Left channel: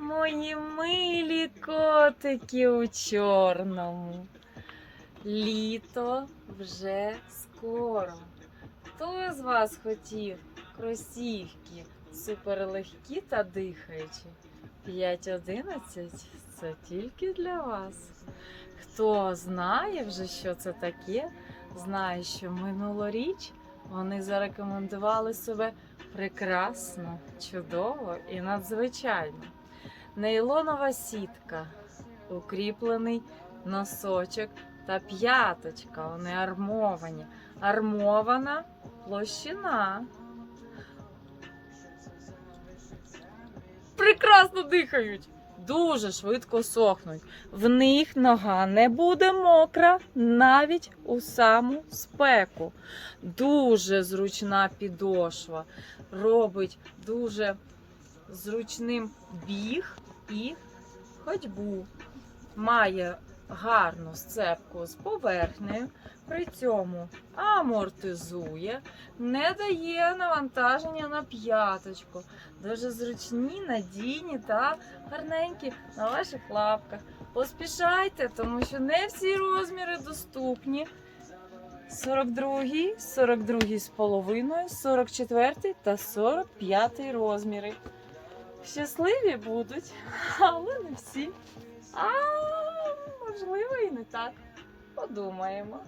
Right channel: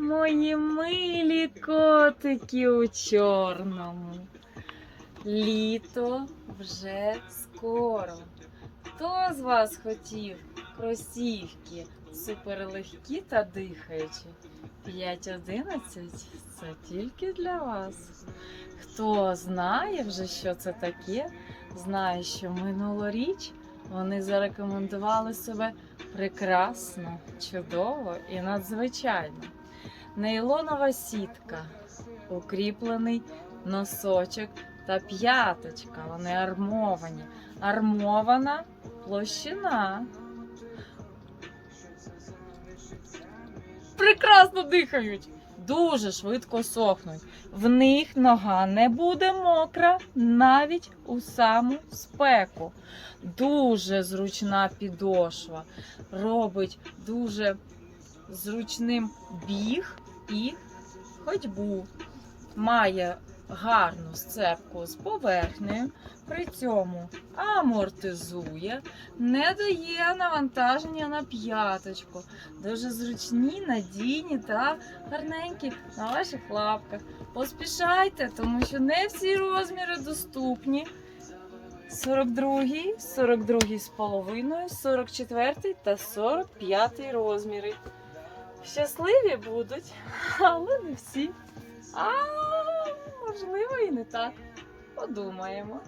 Мої милі котики у чорному. Літо вже скоро. Хто з вас хотів кросівки суперлегкі та дихаючі? 5.11 це тільки для вас. Хто знає вже, що це таке, знає, що минулоріч вони зарекомендували себе прекрасно, чудово і надзвичайно. Нейлонова сітка, укріплений носочок та п'яточка. Вони армовані. Армована площина. Прекрасно дихають. Дуже швидко сохнуть. В них нога не буде мокра навіть у саму спеку. Дуже зручна підошва. Робить дуже зручним біг і ходьбу. Має гарну сцепку з поверхнею, при цьому амортизує, не дає навантаження на п'яточку. Дуже зручні, надійні та гарненькі на ваших лапках. Поспішайте, тому що не всі розміри доступні. 42, 42 з половиною, 44 та 45 розміри. Щасливі будуть, але не всі. А можливо і не так. Подумаємо.